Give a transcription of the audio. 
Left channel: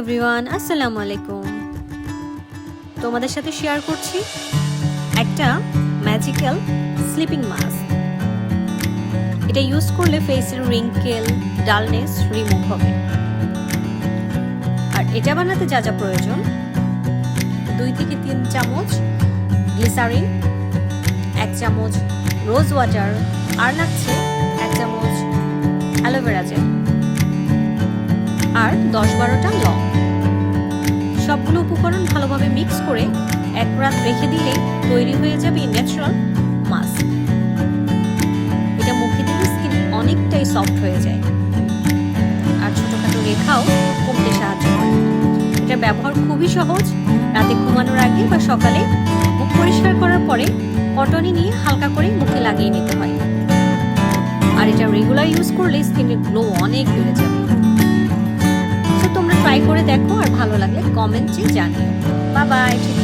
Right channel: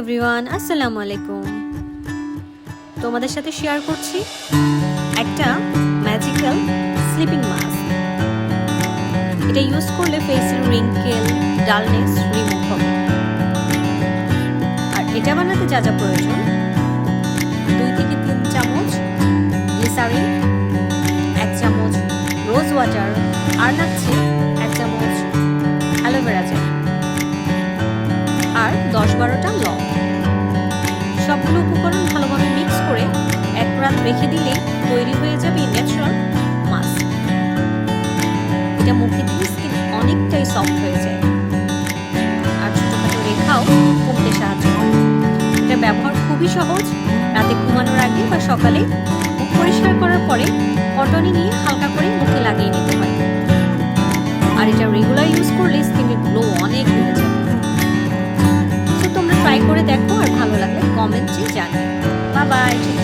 Everyone আসসালামু আলাইকুম। তোমাদের সাথে শেয়ার করছি একটা ম্যাজিক্যাল স্লিপিং মাস্ক এটা ইউজ করলে ফেসের রিঙ্কেল ডালনেস রিমুভ হবে। আর এটা বানাতে যা যা প্রয়োজন, দুই থেকে তিন চামচ গ্লিসারিন এক চামচ রোজ ওয়াটার আর লাগছে এক চামচ অ্যালোভেরা জেল আর দশ বারোটা লং। সবগুলো উপকরণ ভালোভাবে মিক্স করে এক রাত রেখে দিলেই তৈরি হয়ে যাবে ন্যাচারাল মাস্ক এটা মুখে দিলে স্কিন অনেকটাই সফট হয়ে যায়। আর ছোটোখাটো রেখাও কমতে সাহায্য করে। এটা ব্যবহার খুবই সহজ, রাতে ঘুমানোর আগে বা সকালে মুখ পরিষ্কার করার পরে কটনি নিয়ে হালকা করে মুখে লাগিয়ে নিতে হয়। আর এটা রেগুলার ইউজ করলে স্কিনের গ্লো অনেক বেড়ে ট্রাই করে দেখো আর ভালো লাগলে কমেন্টে জানিও। বাই বাই ঠিক